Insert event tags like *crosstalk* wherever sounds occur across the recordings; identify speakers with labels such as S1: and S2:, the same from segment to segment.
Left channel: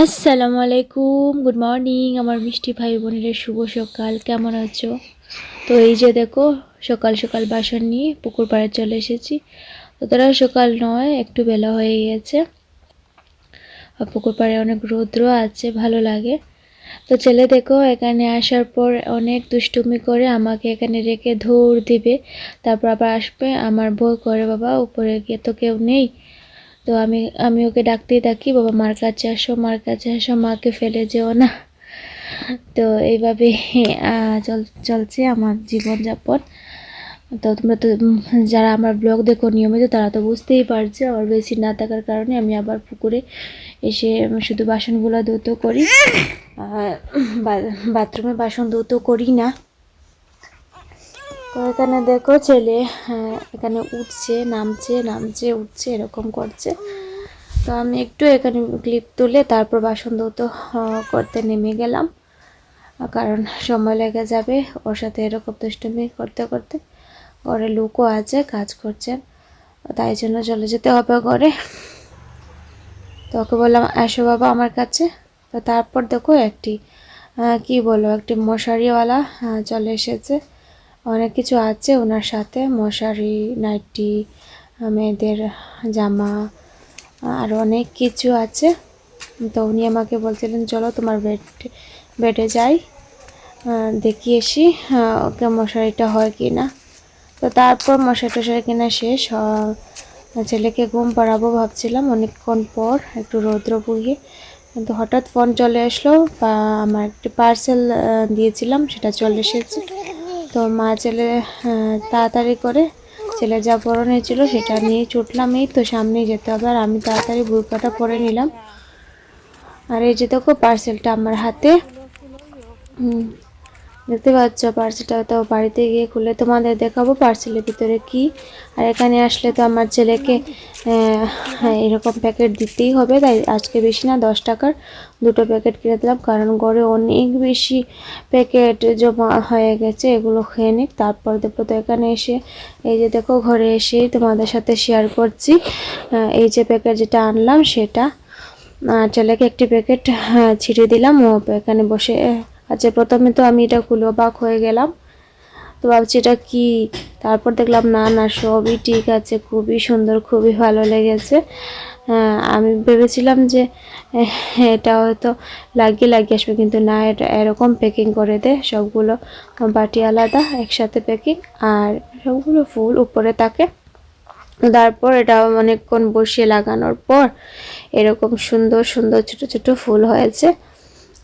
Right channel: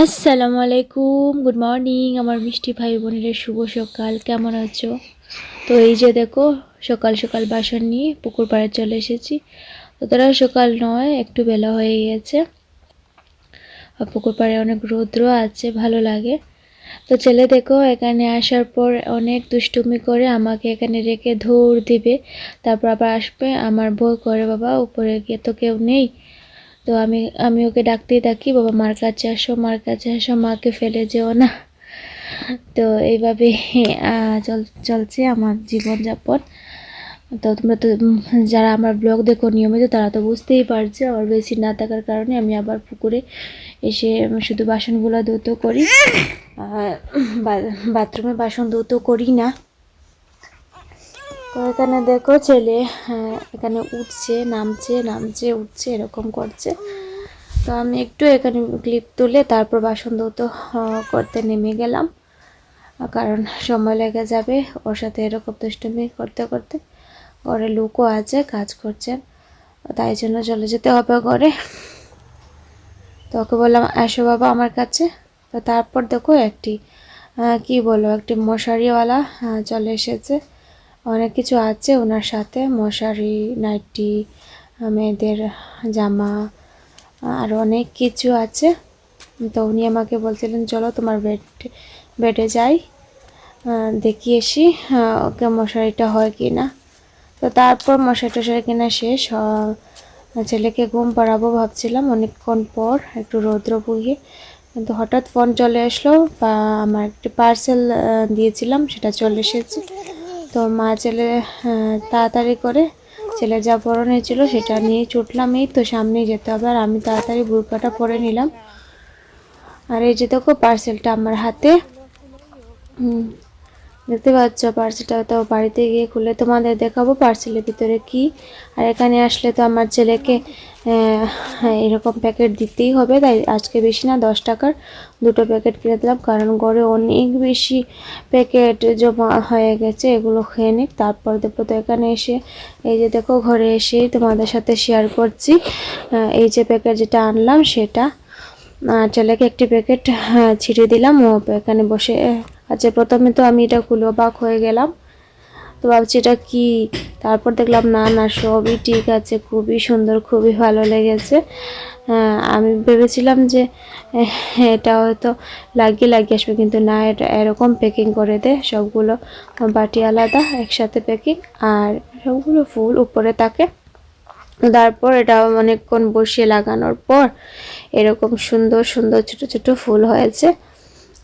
S1: আসসালামু আলাইকুম good morning আমার মিষ্টি ভাই বোনেরা, শুভ সকাল, কেমন আছো? তো এই যে দেখো, সকাল সকাল বাসন নিয়ে পুকুর পাড়ে চলে এসেছি। তো তারা সকাল নয়, একটু বেলা হয়ে গেছে পুকুর পাড়ে অনেক রৌদ্র আছে, ভালো লাগে। তো ছেলে দেখো, এখানে আসার পর অনেক দুষ্টুমি করে আমাকে এখানে রেখে ধৌড় দিবে। তারপর আবার আসবে, আমার বউ করে, বাবা, উপরে গিয়ে তো কেউ নেই। তো আমি আমি ওকে ডাকতেই থাকি, বাবা, মার কাছে আসো, মার কাছে আসো, মাকে ফেলে যেও না। *laughs* তো এইভাবে চল, চলছে আমার জীবনযাপন। তো তোমরা তো যারা আমার ব্লগ দেখো নিয়মিত, তারা তো বুঝতেই পারছে আমার বেশি না থাকার কারণে আমি আবার পুকুরে এসে শুধু বাসনগুলো ধৌত করি। বাথরুমে বাসন ধৌত করি না। তো এখানে দেখো ছেলে হ্যাঁ, এখানে উঠছে নামছে নামছে উঠছে এরকম করছে। তো আমি একটু এখানে ক্লিপ তুলে তারপর বাসন ধৌত করতে নেমে গেলাম। কারণ সময় লেগে যাবে ওর সাথে এরকম দুষ্টুমি করতে করতে। ঘরে লোকও আছে কাজ করছেন। তাই জন্য চলে যেতে হবে ঘরে। তো ওকে বললাম আসো বাবা আমার কাছে। তো তারপর দেখো একটি কি বলব একটি মশারিওয়ালা আহ, চলে এসেছে। অনেক কিছু আছে ওনার সাথে, মশারি, নাইটি, মেয়েদের জামা, আর অনেক কিছু আছে। তো উনি আমাকে বলছিলেন, চলো তোমার বেড, বেডে যাই দেখি এসি ওকে মশারিটা হয় কি না তো তারপর মশারি টশারি কিনা শেষ ছেলেকে ঘুম পাড়াবো ভাবছিলাম অনেকক্ষণ পর, একটু রৌদ্র বুঝিয়ে। কিন্তু হঠাৎ ফোন চলে আসলো, বা আমার একটি পার্সেল দিয়েছিলাম, সেটা চলে এসেছে। তো মা ছেলে আহ, তাড়াতাড়ি করে ছেলে যা পরনে ছিল সেটা নিয়ে ছুটলাম। এই তো সামনেই যেতে হবে আর আমি তাড়াতাড়ি বুরকাটা পরে নিলাম। আর এই যে দেখো পার্সেলটা আমার হাতে। দেখতে পাচ্ছ পার্সেলটা তো বাড়িতে গিয়ে খুলে তোমাদের দেখাবো পার্সেলের ভিতরে কি। আর এখানে আসলে তো আমার ছেলেকে আহ, এরকম প্যাকেট দিতেই হবে। তাই আজকে বেশি না দশ টাকার দুটো প্যাকেট কিনে দিলাম। কারণ ঘরে অনেক বেশি প্যাকেট জমা হয়ে গেছে এগুলো খেয়ে নিক। তারপর দেখো তো এখানে এসে এই যে দেখো ঘরে এসেই তোমাদের সাথে শেয়ার করছি। এই যে প্যাকেট যেটা আনলাম সেটা ছেলেকে একটি প্যাকেট হ্যাঁ, ছিঁড়ে দিলাম। ও এখানে বসে আচ্ছা প্রথমে তো আমি এটা খুলে অবাক হয়ে গেলাম। তো ভাবছি এটা কি? তারপর দেখলাম না না সবই ঠিক আছে খুবই সুন্দর খুবই ভালো লেগেছে। হ্যাঁ, আমি ভেবেছিলাম যে এটা হয়তো লাগিয়ে লাগিয়ে আসবে কিন্তু না এটা এরকম প্যাকিং করে দে সবগুলো বাটি আলাদা একসাথে প্যাকিং আর সবগুলো ফুল উপরে থাকে। তারপর এটা অনেকক্ষণ বসিয়ে লাগানোর পর এরকম সুন্দর সুন্দর ছোট ছোট ফুল হয়েছে।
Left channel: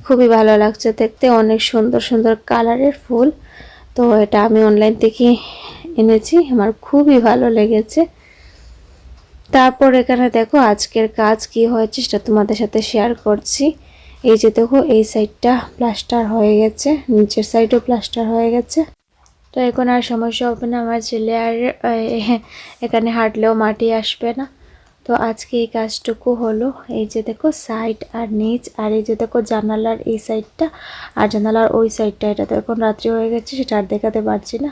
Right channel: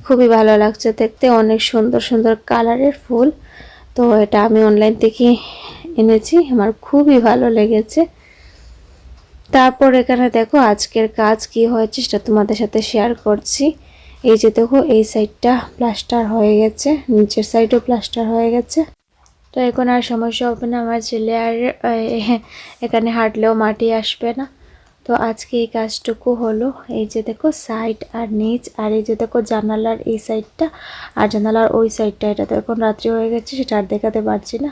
S1: খুবই ভালো লাগছে দেখতে। অনেক সুন্দর সুন্দর কালারের ফুল। তো এটা আমি অনলাইন থেকে এনেছি। আমার খুবই ভালো লেগেছে। তারপর এখানে দেখো আজকের কাজ কি হয়েছে সেটা তোমাদের সাথে শেয়ার করছি। এই যে দেখো, এই সাইডটা প্লাস্টার হয়ে গেছে। নিচের সাইডও প্লাস্টার হয়ে গেছে। তো এখন আর সমস্যা হবে না। আমার ছেলে আর এখানে হাঁটলেও মাটি আসবে না। তো আজকে এই কাজটুকু হলো। এই যে দেখো সাইড আর নিচ, আর এই যে দেখো জানালার এই সাইডটা আর জানালার ওই সাইডটা এটা তো এখন রাত্রি হয়ে গেছে, সেটা আর দেখাতে পারছি না।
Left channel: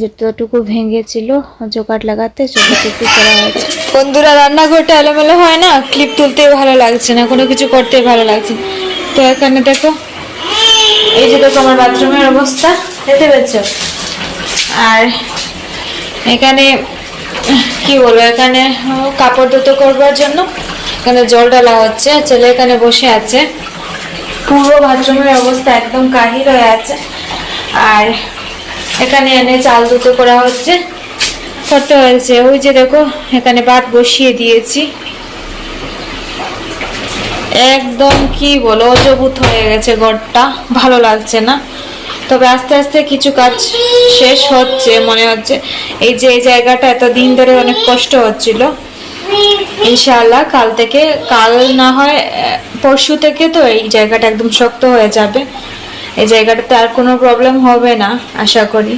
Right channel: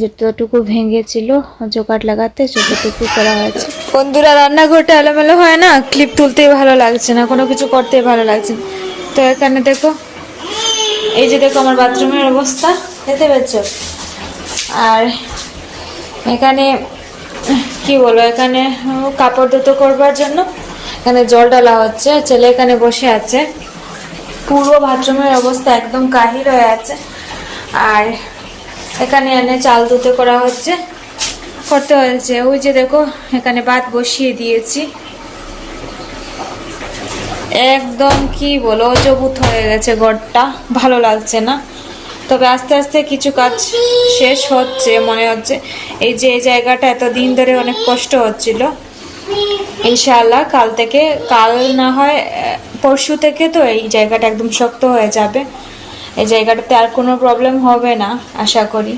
S1: যেটুকু ভেঙেছিল জোগাড় লাগাতে সেটুকু করা হয়েছে।
S2: বন্ধুরা, রান্নাঘরটা এলোমেলো হয় না? ক্লিপ তুলতে ভালো লাগছে না, কোনো কিছু করতেই ভালো লাগছে। তো এখানে দেখো, এই যে দেখো আমার বাথরুমের অবস্থা, দেখতে পাচ্ছ আর এখানে কি বলব, এখানে কাপড় ধুতো করবার জন্য। এখানে জল ডালা হচ্ছে, ছেলে এখানে বসে আছে। পুরো বাথরুমের অবস্থা একদম কাহিল হয়ে আছে। আর এখানে এনে চাল ধুতো করা হচ্ছে। করতে হয়েছে? ওই যে দেখো, এখানে ভাত বসিয়ে দিয়েছি। একদম কি বলো অজবুত হয়ে গেছে ঘরটা। ভালো লাগছে না। তবে আস্তে আস্তে কিছু কাজ শেষ হচ্ছে, মনে হচ্ছে। এই যে এই জায়গাটা এত দিন ধরে অনেক কষ্ট হচ্ছিল। ইনশাআল্লাহ কাল থেকে, কাল না হয় পরশু থেকে তো এই জায়গাটা একদম শক্ত হয়ে যাবে। এই জায়গাটাতে আর কোনো প্রবলেম হবে না, আশা করি।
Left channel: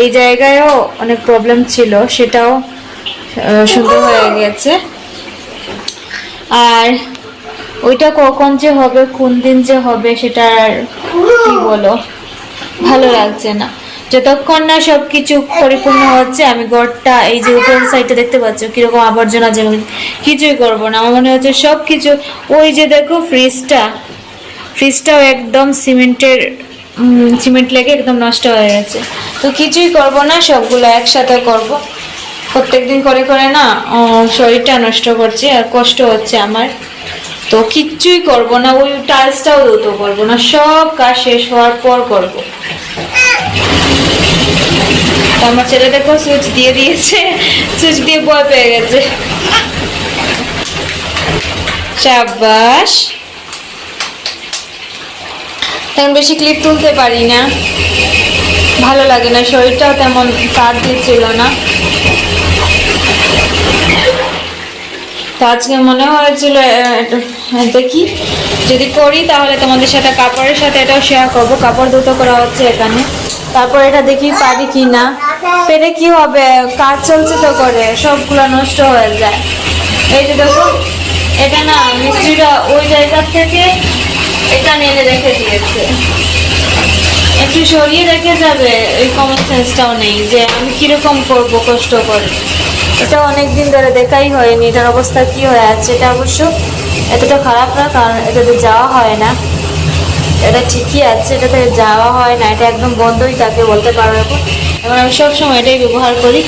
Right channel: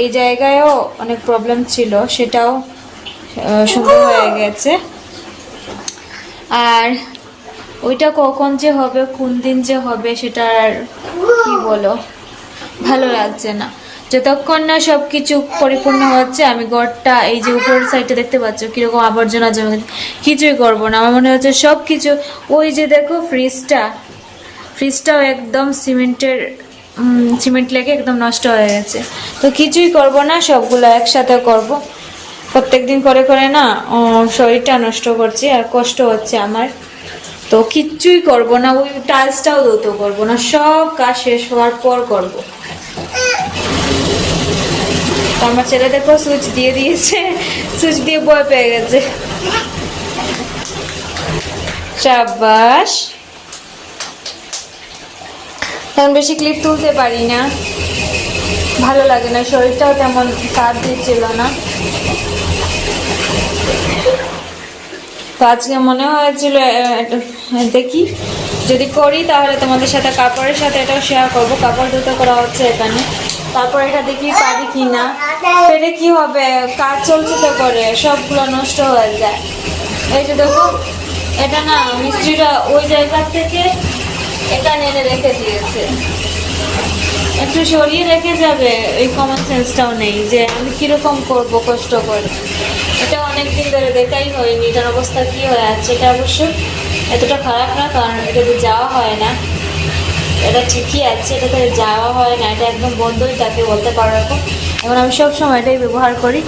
S2: এই জায়গায়ও অনেক প্রবলেম ছিল, সেটাও সুন্দর হয়ে গেছে। আর ওইটা কখন যে হবে, কোন দিন যে হবে, সেটা আর কি বলো? ভালো লাগছে না। যতক্ষণ না সব কিছু পরিপূর্ণ হচ্ছে, আমি ঘরটা, এই যে উপরের সাইডে দেখতে পাচ্ছ, কীরকম আবর্জনা জমে কিছুই করব না। আমার মনে হচ্ছে সব কিছু ওই যে দেখো ফ্রিজটা ফ্রিজটাও একদম সিমেন্টের সিমেন্ট লেগে একদম নষ্ট হয়ে গেছে। তো কিছুই করব না, সবগুলো একসাথে করব। প্রত্যেক দিন করে করে না শরীরটা নষ্ট করছে আর কষ্ট হচ্ছে আমার। তো কিচ্ছুই করব না, ওই টাইলসটাও ধুতো করব না, সব কাজ শেষ হওয়ার পর করব। আমার ছেলে দেখো সুইচ দিয়ে দিয়েছে সুইচ দিয়ে ভয় পেয়ে গেছে। সাবাস তেমন বেশি ক্লিপ তুলতে পারি না। ভালো লাগে না শরীরটাও তেমন সাথ দিচ্ছিল না। আজকে মনে হয়েছিল দেখি যদি করি তাহলে তোমাদের সাথে কাপড়ের সাথে এটাও শেয়ার করব। কাপড় দুটো করা হচ্ছে এখানে। তারপর এটা দেখি পারি কি না পেরে কি হবে? কাজ চলছে তো করে, সবগুলো নষ্ট হয়ে যায়। এই যে দেখো, এটা না মিস্ত্রিরা ওই জায়গা থেকে এটা এনে রেখে দিয়েছে। একটু সরিয়ে রেখে যাবে, এই কমন সেন্সটাও নেই যে আমি কীরকম করব কষ্ট করে। এটা অনেক দিন ধরে দেখাই হয়নি, এটার অবস্থা কি হয়ে আছে এটা অবশ্য এতটা খারাপ না, কারণ এটাতে যাওয়া হয় না। এটা ঠিকই আছে, এটাতে যাওয়া হয় না, এটা একদম বন্ধই থাকে বলতে পারো এখন এবং আমি সবসময় এটাই ব্যবহার করি।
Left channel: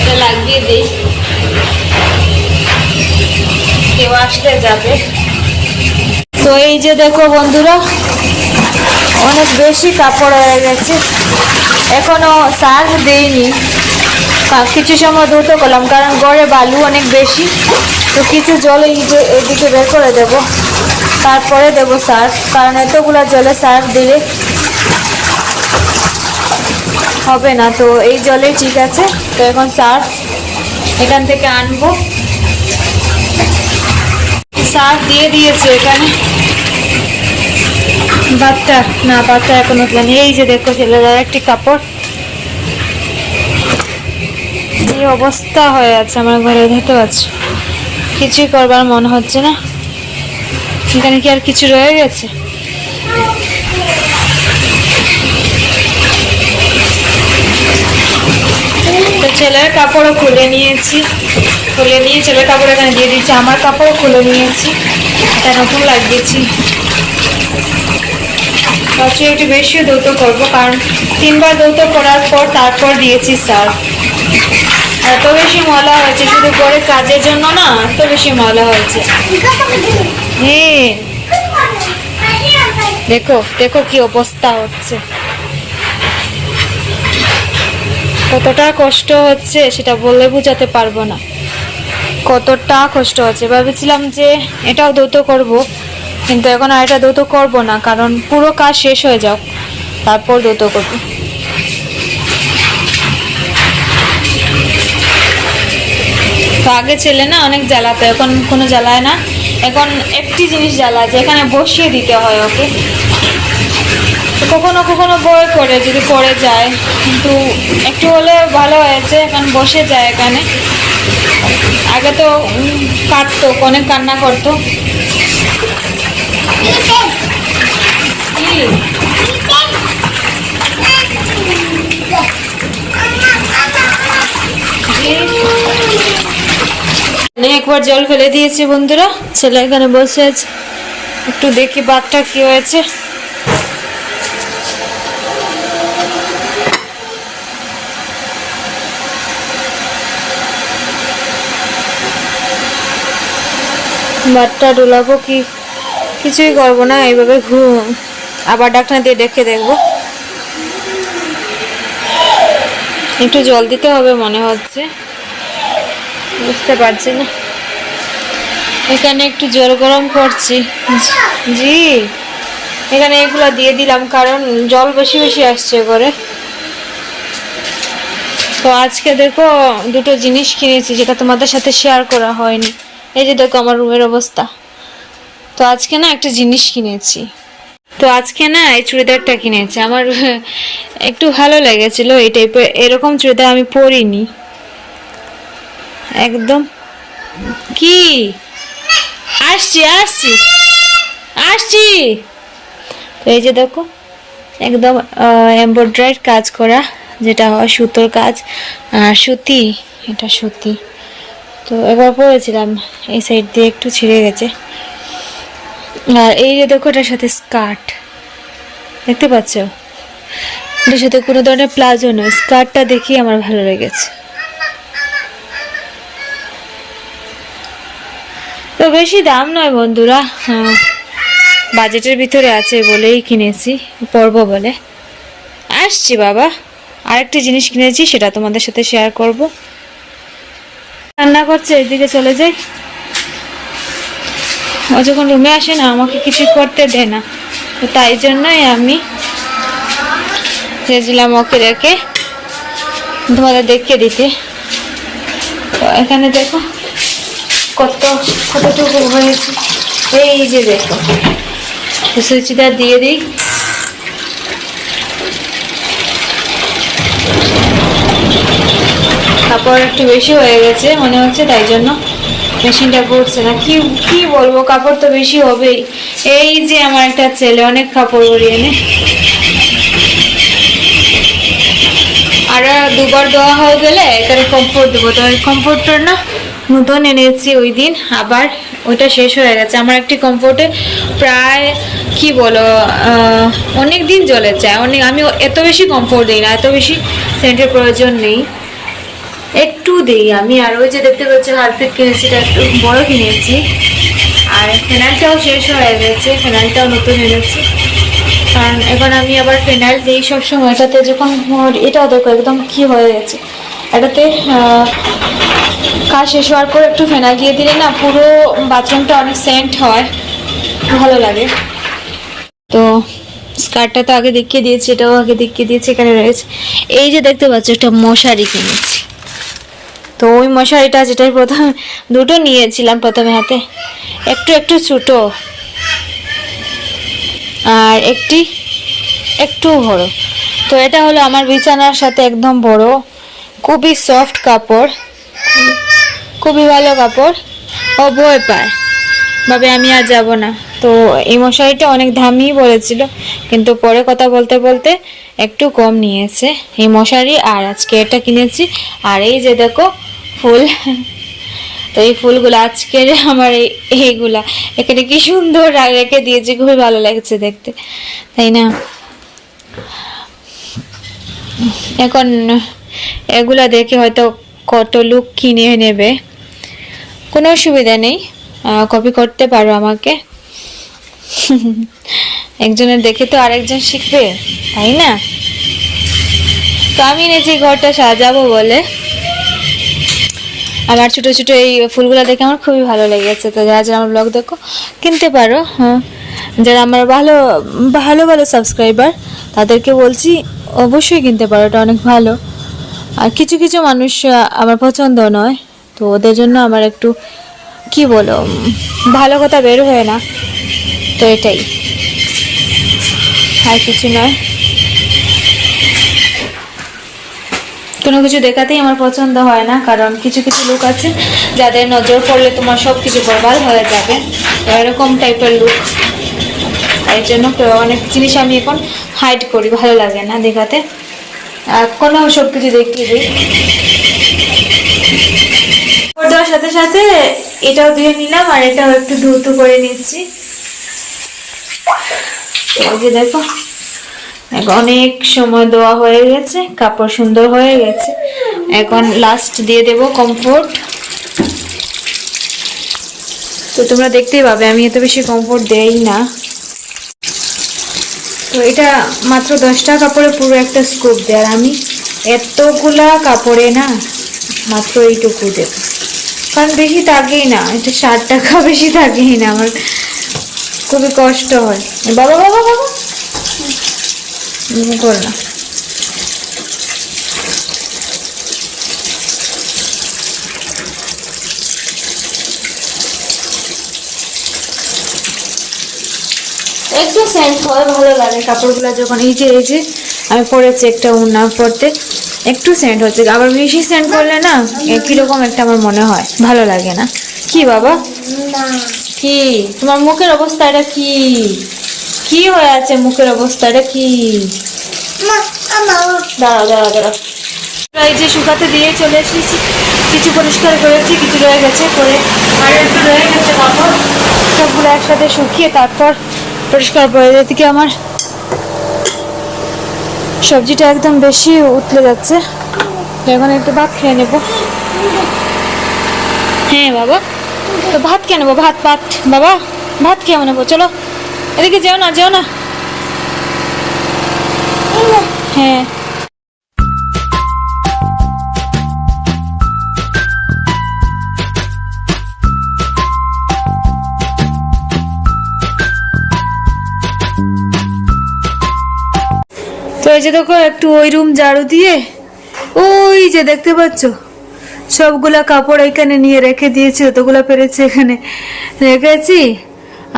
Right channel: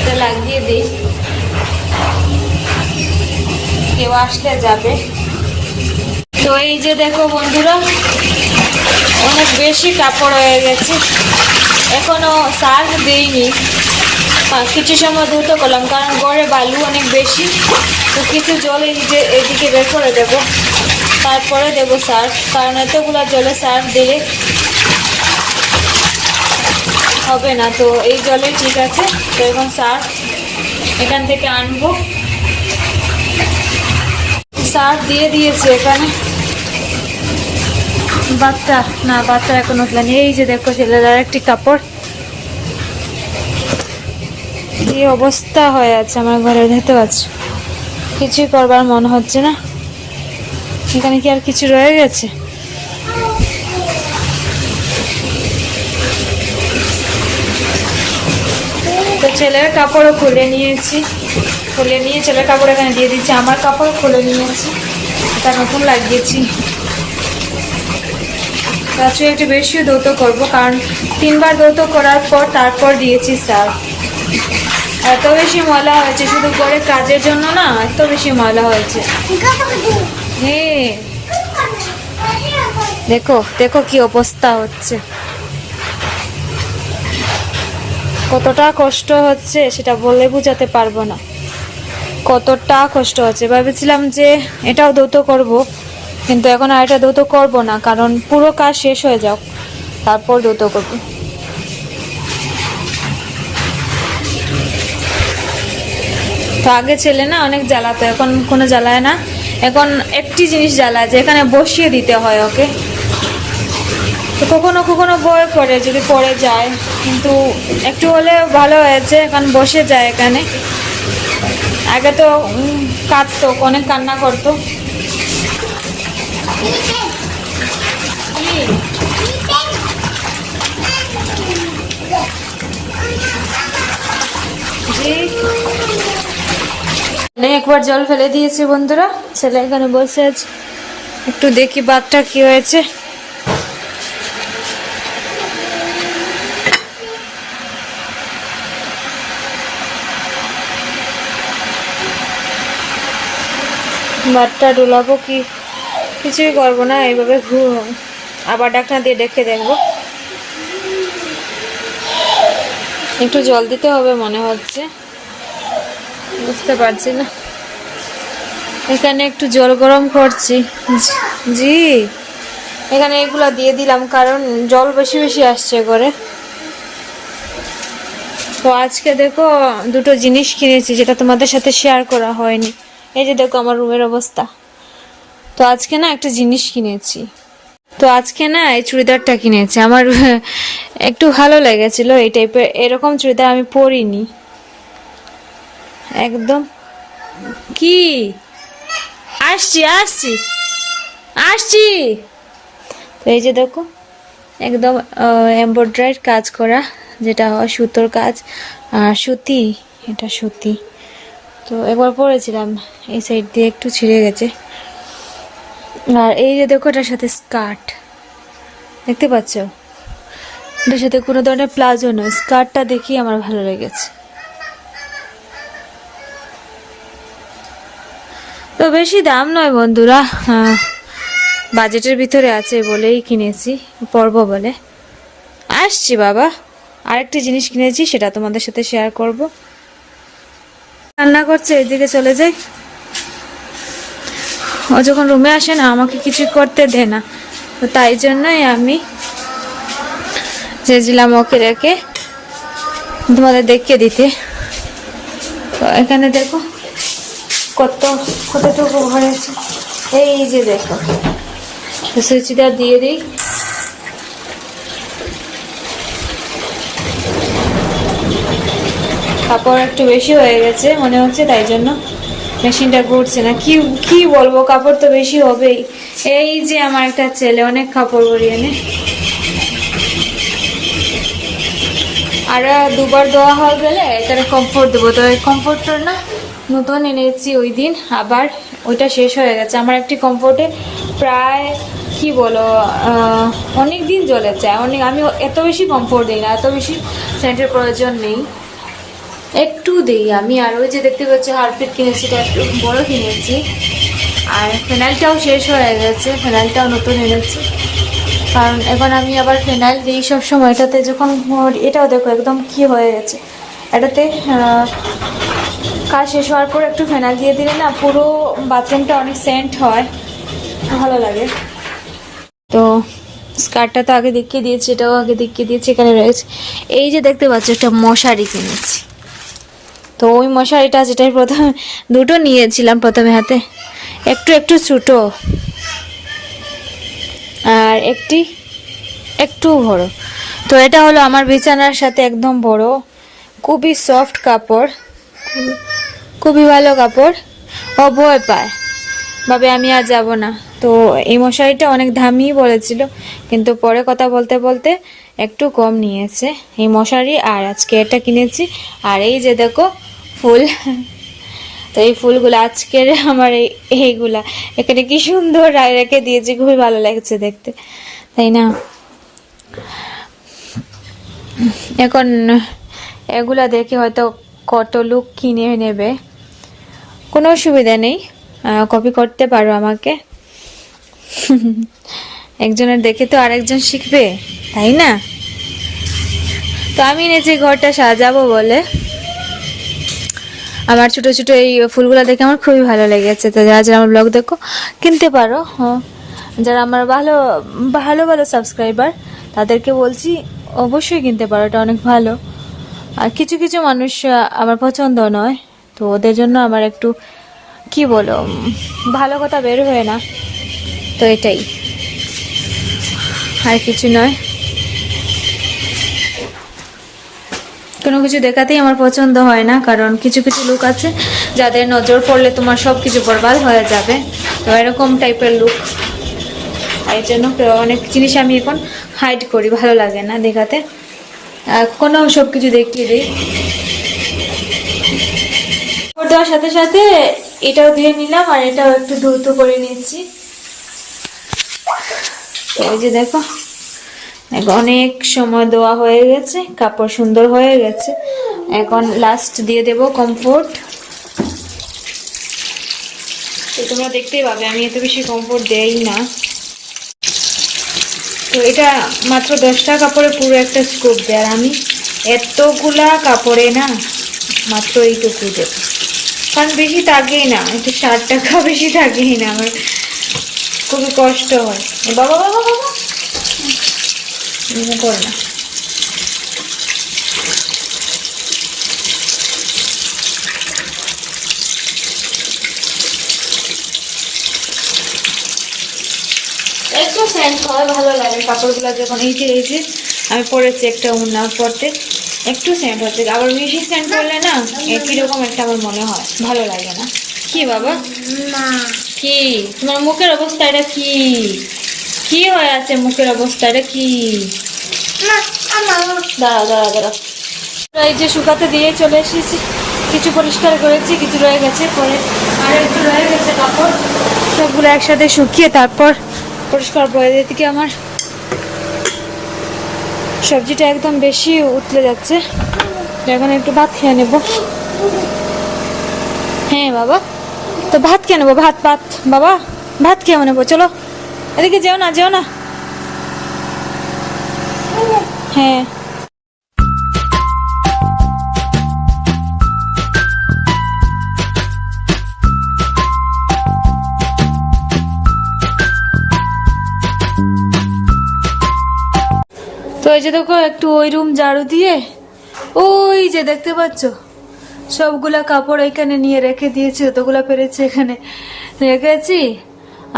S2: এটা লাগিয়ে দিই। কেউ আসলে যাবে। তো এই যে দেখো বন্ধুরা, অনেক বেশি কাপড় হয়ে গেছে। এখনও সার দেইনি। কিছু সময় দ্রুত করলাম, কারণ গড়ে বালু অনেক বেশি। তো কিছু জল এই যে এদিকে বের করে দেব। তারপরে দেব সার, কারণ এতগুলো জলে সার দিলে হবে না। তো এই জলেই ঠিক আছে, তো এখন সার এখান থেকে আনব। সার দিয়ে দিয়েছে এখানে। বাচ্চা, না, বাচ্চা এখন উঠলেন এই যে দেখো ছেলেরা, একটি কাপড়। এই অবস্থা হয়ে আছে আমার ঘরে দেখতে পাচ্ছি কিছুই করবার মন হচ্ছে না। এখানে কি আর কিছু রয়ে গেছে? ছেলের কাপড়ও খুলে নিয়েছি। খুলে নিয়ে ছেলের কাপড় এখানে দিয়ে দিচ্ছি আমার কাপড়ও খুলে নিয়েছি। এটা নতুন লাগিয়েছি। তাছাড়া একটু বেশিও দৌত করব, কারণ তিনবার দৌত করার পর তারপর দিয়েছি সার্ফ। এত বেশি ময়লা হয়েছে, শুধু করে কাজের জন্য না, এত বেশি ময়লা হয়েছে। হ্যাঁ। দেখো দেখো কি অবস্থা হচ্ছে। কতটা কষ্ট হচ্ছে সেটা বলে বোঝাতে পারব না। কতটা কষ্ট হচ্ছে। ভেবেছিলাম যে এটাও দ্রুত করব, কিন্তু এখন আর এটা দ্রুত করব না, কারণ পুরো কাজ শেষ হয়ে যাক, তারপর দ্রুত করব। তো আগে ছেলে না অনেক জ্বালাতো, এখন কোনো জ্বালায় না। এখন একটি জিনিস জ্বালায় যে এখানে বসিয়ে দিতে হয় ওকে। তো কখনো কখনো বই করে যদি পড়ে যায়, কিন্তু একটু হলে ভালো হয়েছে, এখন বসে যায় এখানে। আগে তো কাঁদতো, অনেক কান্না করতো কি? জি? নে, একবার জল ফেলে দিয়েছি, বন্ধুরা। ছেলে এখানে বসে আছে। একটু দেখি বাঘটা কি হয়েছে। বাটটা ডোলাবো কি? কিছুই করব না, এইভাবে ঘুম। আবার ডাক্তার দিয়ে দেখে দেখব। একটু জল দিতে হবে মনে হচ্ছে। বুঝতে পারছি না। এখানে একটু জল গরম করছি। জি। এখানে এগুলো দিয়ে দিলাম কারণ জল বেশি বেশি আসছে করে তো আজকে দেখো দুটো জিনিস কিনেছি যেটা তোমাদের সাথে শেয়ার করা হয়নি। এই যে দেখো আমার রুমের অবস্থা। তো আজকে না একটা জিনিস কিনেছি। তো আজকে না এই চুড়িদারটা কিনেছি। আমার একটু ভালো লেগেছিল এই টাইপের এরকম চুড়িদার আমি পরিনি। একদম। কি? আসছি আসছি। আসছি। এই যে দেখো, একদম এমব্রয়ডারির কাজ করা, যেটা হয় সুতোর কাজ। আর সুতি, এটা সুতি। তো একবার পরেছিলাম, এই সাইড দিয়ে একটু ছিঁড়ে গেছে। আর এই যে দেখো, এটার সাথে স্কার্ট দেখতে পাচ্ছ? এটার সাথে কোনো ধরনের প্লাজো নয়। স্কার্টটা দেখেই আমার ভালো লেগেছে। তো বেশি দাম নয় বন্ধুরা। বাজেটের ভিতরে আছে বলেই কিনেছি, পরব বলে। আসছি বাবা, আরেকটি জিনিস কিনেছি, সেটা তোমাদের সাথে শেয়ার করব। রান্না করছে, এদিকে চলে যাই। ও যখন রুমে আসে না, আমাকে কিছু করতে দেয় না। তাই জন্যই আমি চেয়েছিলাম ওকে রেখে তোমাদের দেখে দিতে। এখানে দেখো। কত কতটুকু হয়েছে? এই যে দেখো, সুচিটা দিয়ে দিই। কাপড় একটু বেশি হয়ে গেছে, মনে হচ্ছে তাই জন্য মেশিনটা ঘুরছে না। কি কি বলব, কাপড় তো বেশি হবেই। এই যে আমার একটা ছেলে, অনেক কাপড় ভরিয়ে এনে আর দুবার দেওয়া হয়ে গেলে এখানে কমফোর্ট দেবো। তো কমফোর্টটার না? নতুন এনেছি ওই দিন, আবার ওইটা শেষ হয়ে গেছে। আমার একটি কমফোর্টে প্রায়, কি বলো অনেক দিন চলে যায় অনেক, আমি এত বেশি কমফোর্ট দিই না, এত বেশি সেন্টের প্রয়োজন নেই। একটু দিই আমি, আর ওই যে দেখতে পাচ্ছি হারপিক কিনেছি এটা একটু বড় কিনেছি। আর ফেনাইলটাও শেষ হয়ে গেছে ফেনাইলটাও নতুন এনেছি। কারণ এখন আমি আবার ফেনাইল দিই সবসময়। এটাতে যখন এটা দেখো, একদম কি হয়ে গেছে। এটাতে কাজ শেষ হওয়ার পর একটু ফেনাইল দিয়ে দিলে না পুরো বাথরুমটা অনেক সেন্ট হয়। ভালো লাগে। তো স্কার্টটা তো আগে দেখিয়ে দিয়েছি, এটাও আগে দেখিয়ে দিয়েছি, এখানে রয়েছে। এই যে দেখতে পাচ্ছ, একটা মশারি কিনেছি। তো ওই মশারিটা যেটাই প্রথমে, দুটো নিয়েছিলাম প্রথমে হাতে। একটু একটু ছোটো। আর একটি একটু বড়। তো এটা হলো আমার বিছানার সাথে একদম বড়, খুবই সফট কাপড়। খুবই ভালো কাপড়। ও ভয় পায়। ভাবে আমি আর যাব না। তো এই মশারিটা অনেক দামি বলেছিল, কিন্তু পরে কথা বলতে বলতে একটু কম নিয়েছে। এই মশারি আর আজকে এটা কিনেছি। আর এই যে দেখো, ফুল। তো এই ফুলগুলো আজকের আমার এই এইগুলা। এখানে কি সুন্দর রেখে দিয়েছি, খুবই ভালো লাগছে দেখতে। তাই না? এখন এগুলা দেখে হয়তো কত লোক কিনে নেবে। কোনো অসুবিধা নেই কপি করতে পারো আমাকে। একজনের দেখে তো আরেকজন শিখবে, তাই না? তো আমি নিজে ঘরটা সাজাবো বলে। আমার ছোট ছোট এই ফুলগুলো দেখে আমার খুবই ভালো লেগেছে। তো যারা যারা আমার ব্লগ দেখো, কিনতে পারো হ্যাঁ যারা আমার ভালো ভালো ভালো সাবস্ক্রাইবার তাদেরকে বলছি অবশ্যই কিনতে পারো, এটা অনেক ভালো। আর কিছু কিছু মানুষ আমার পছন্দ নয়। তো ওদের জন্য আমার একটু, কি বলো ভালো কথা বের হয় না। তো এটাই। আর কিছু নয়। কোনো কিছু দেখাতেই আমার পছন্দ হয় না, কারণ কিছু কিছু লোক আছে যাদের নজর পড়লে তোমার সব কিছু বরবাদ হয়ে যাবে। তো এরকম টাইপের লোক। এই জন্য অনেক জিনিস আমি এখন হাইড করি, ভালো লাগে না দেখাতে। কোনো সব কিছু দেখিয়ে দিই। দেওয়ার সাথে সাথে এটাও ধুয়ে নিলাম আর এটাও একটু ধুতো করে নিচ্ছি। দেখো অনেক সময় দেওয়া হয়ে গেছে, কাপড় সুন্দর হয়ে গেছে। এখন লাস্ট দিয়ে দেব কমফোর্ট তো তোমরা দেখতেই পাবে, আমি এত বেশি কমফোর্ট দেই না। তো এটা মাত্র দশটা কাপড়ে পুরো একটা স্কুপ দেয়, আর আমি এতগুলা কাপড়ে না, মাত্র এইটুকু দেব। কারণ বেশি থাকেই না এটা ষাট টাকা বেশি থাকেই না আমার। খুবই কষ্ট হয়। বাবা বাবা বাবা। করো না। একটু সেন্ট হয়, ভালো লাগে। কাপড়গুলো যখন এই যে এই যে, আমি পরেছি একটা উন্না পরতে একটু সেন্ট হচ্ছে। আবার বেশি সেন্ট করলে না কীরকম একটা আমার মনে হয়। ভালো লাগে না। কি বাবা? কি? তোমার মুখের অবস্থা এটা কি? কি হয়ে আছে মুখের অবস্থা? এটা কি? দাঁড়া দাঁড়া দাঁড়া। এই যে শুকাতে দিয়ে চলে এসেছি। কিছু পরিষ্কার করেছি, কিছু রয়ে গেছে, করে আর একটু রয়ে গেছে তারপর সবগুলো একসাথে শুকিয়ে তারপর পরিষ্কার করে এদিকে আমার সবজিটা একদম বেশি উতলে যাচ্ছে। এখন একটু ভাত খেয়ে নেব। হ্যাঁ বাবা। তো ভাত খেয়ে নেব, ভাত ভাত। বাবা, ভাত খেয়ে নেব, চলো। এদিকে যেও না যেও না। হ্যাঁ। যে দেখো, একটু ওই রুম ঝাড়ু দিয়ে, ওই যে দেখতে পাচ্ছ? সবগুলা কাপড় এখানে নিয়ে রেখে দিয়েছি অতগুলো পেরেছি এখানে রেখেছি।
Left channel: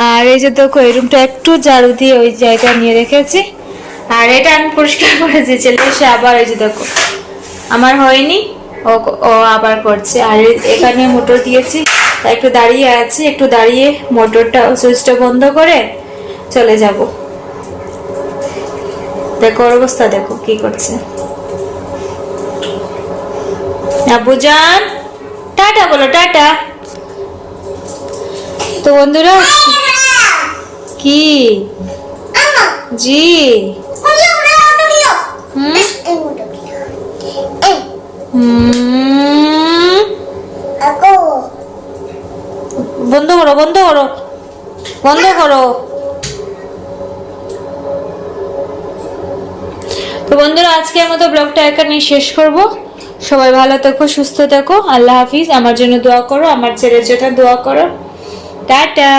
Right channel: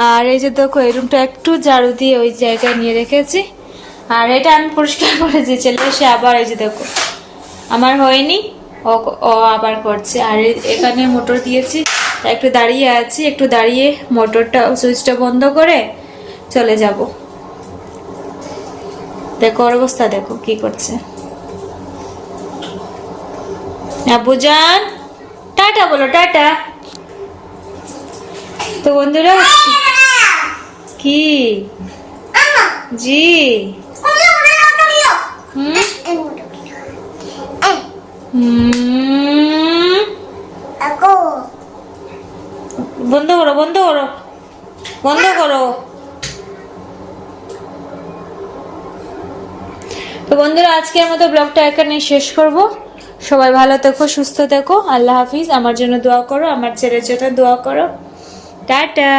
S2: আর এই যে দেখো, এই রুমটা একটু ঝাড়ু দিয়ে ওই জায়গা নিয়ে রেখেছি। আর এটা আমি পরিষ্কার *laughs* করেছি ছেলে এসে আবার এই যে দেখো, আমার হয়নি, ও ও আবার করছে। আর এখানে মোটর দিয়েছি, একটু দাঁড়িয়ে আছে, একটু দাঁড়িয়ে মোটরটা, সুইচটা বন্ধ করে চলে যাব। দেখো ওর অবস্থা, দেখো কি করছে। আব্বুজান টাটা বলো, টাটা। তো বন্ধুরা, কি? জি। বন্ধ করো বন্ধ করো। বন্ধ করো। বন্ধুরা, আজকের মতো ব্লগটা এখানে শেষ করব। সবাই ভালো থাকো, সুস্থ থাকো। আল্লাহ হাফিজ। আমার জন্য দোয়া করো, আমার ছেলের জন্য দোয়া করো। টাটা।